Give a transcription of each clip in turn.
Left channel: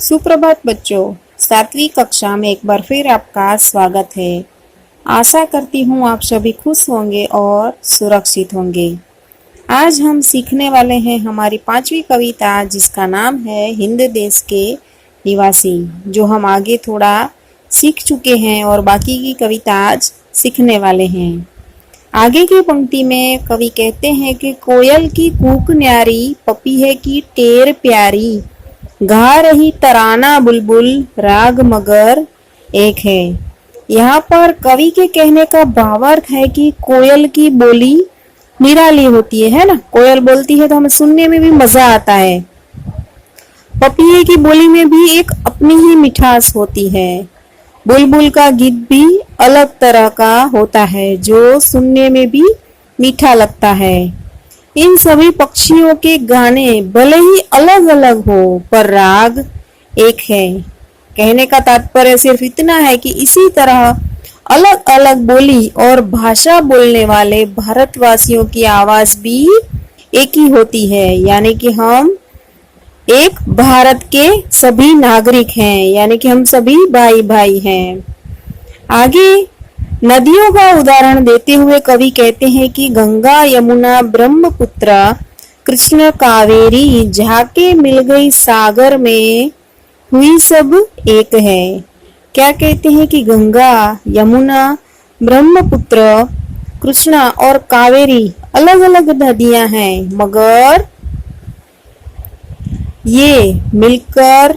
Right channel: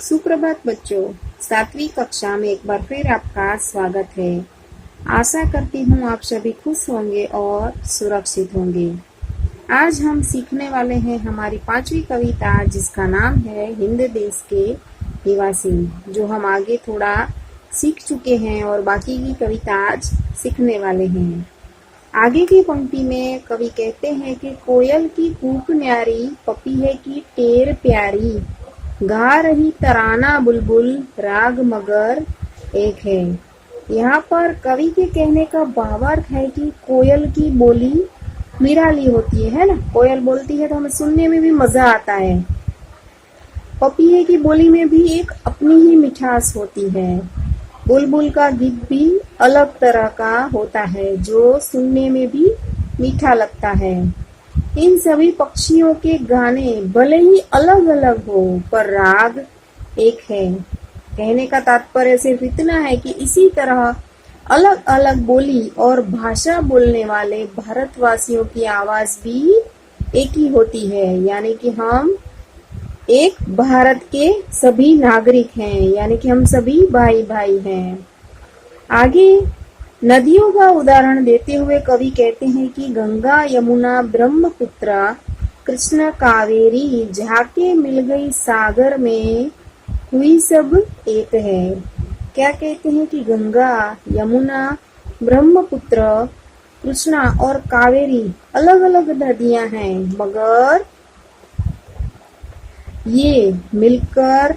सुप्रभात बच्चों, 7वीं कक्षा में एक बार फिर आपका स्वागत है। आशा करती हूँ आप सभी खुश होंगे और सुरक्षित होंगे। आज हम सीखने वाले हैं हमारी 5वीं कविता, जिसका नाम है हिंद देश के निवासी, जो हम आगे थोड़ा सीख चुके हैं और बाकी की कविता आज सीखने वाले हैं। आगे की पंक्ति में कवि कहते हैं कि कोयल की कूक न्यारी, पपीहे की टेर प्यारी, गा रही तराना बुलबुल, राग मगर एक है। यहाँ पर कवि के कहने का भावार्थ है कि कोयल की बोली निराली होती है ना। कोयल बोलती है तो हमें सुनने में भी मजा आता है। पपीहे की बोली में भी एक अपनी ही मिठास होती है। बुलबुल का गीत भी अलग तरह का होता है, जो सुनने में भी मीठा लगता है। इन सभी पक्षियों के गाने भले ही अलग अलग हो, पर राग एक है। कहने का तात्पर्य सिर्फ इतना है कि इसी तरह अलग अलग बोली और भाषा बोलने वाले भारतवासियों की आवाज भी एक ही होती है, यानी कि हम एक भारत के सभी नागरिक हैं, यानी कि हम सभी भाई भाई हैं। आगे नदियों का उदाहरण देते हुए कवि कहते हैं कि गंगा यमुना ब्रह्मपुत्र कृष्ण कावेरी, जाके मिल गई सागर में, हुई सब एक है। क्या कहते हैं कि गंगा यमुना ब्रह्मपुत्र कृष्णा और कावेरी अलग अलग नदियां हैं, मगर ये मिलकर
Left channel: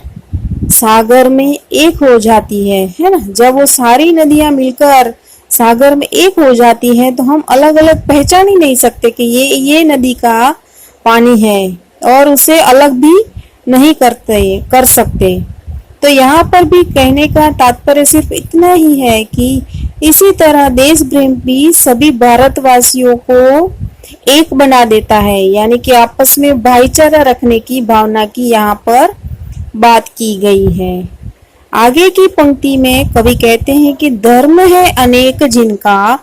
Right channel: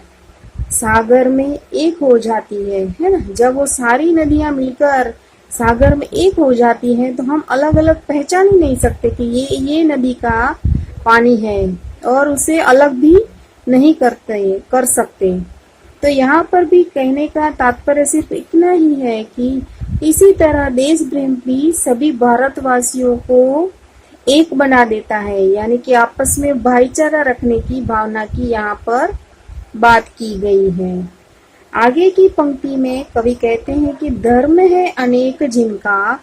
सागर में एक हो जाती है ना। जब वो सारी नदियां मिलकर सागर में एक हो जाती है तो हम अलग अलग पहचान ही नहीं सकते कि ये नदी का पानी है, और उसे अलग भी नहीं कर सकते। तो यहाँ पर भी कहने का तात्पर्य सिर्फ इतना ही है कि इसी तरह देश प्रेम भी सभी भारतवासियों को एक बना देता है, यानी कि आपस में भाईचारा रखने की भावना की यहाँ पर बात की गई है। आगे की पंक्ति में कवि कहते हैं कि धर्म है अनेक जिनका,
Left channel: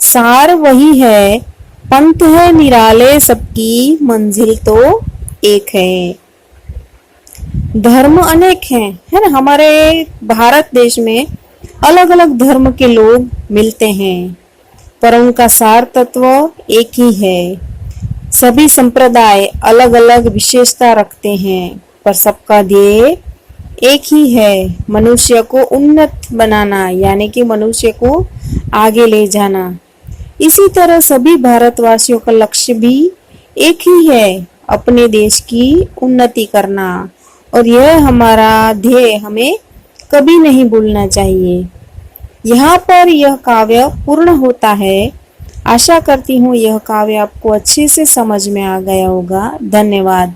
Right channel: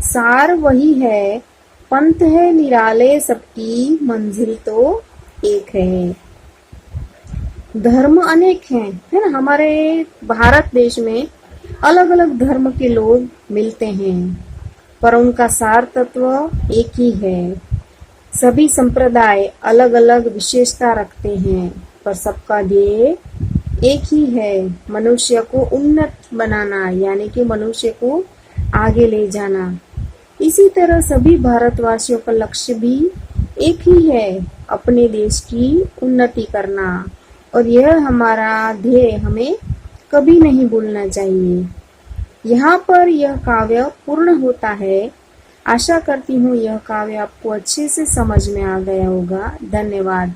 सार वही है, पंथ है निराले सबकी, मंजिल तो एक है। धर्म अनेक हैं, है ना। हमारे भारत देश में अलग अलग धर्म के लोग मिलते हैं, पर उनका सार तत्व एक ही है। सभी संप्रदाय अलग अलग विशेषता रखते हैं, पर सबका ध्येय एक ही है, मनुष्य को उन्नत बनाना, यानी कि मनुष्य को आगे ले जाना। इसी तरह सभी भारतवासियों का लक्ष्य भी एक ही है, अपने देश की उन्नति करना, और यह हमारा ध्येय हमें कभी नहीं भूलना चाहिए। यहाँ पर यह काव्य पूर्ण होता है। आशा करती हूँ यह काव्य आपको अच्छे से समझ में आ गया होगा। धन्यवाद।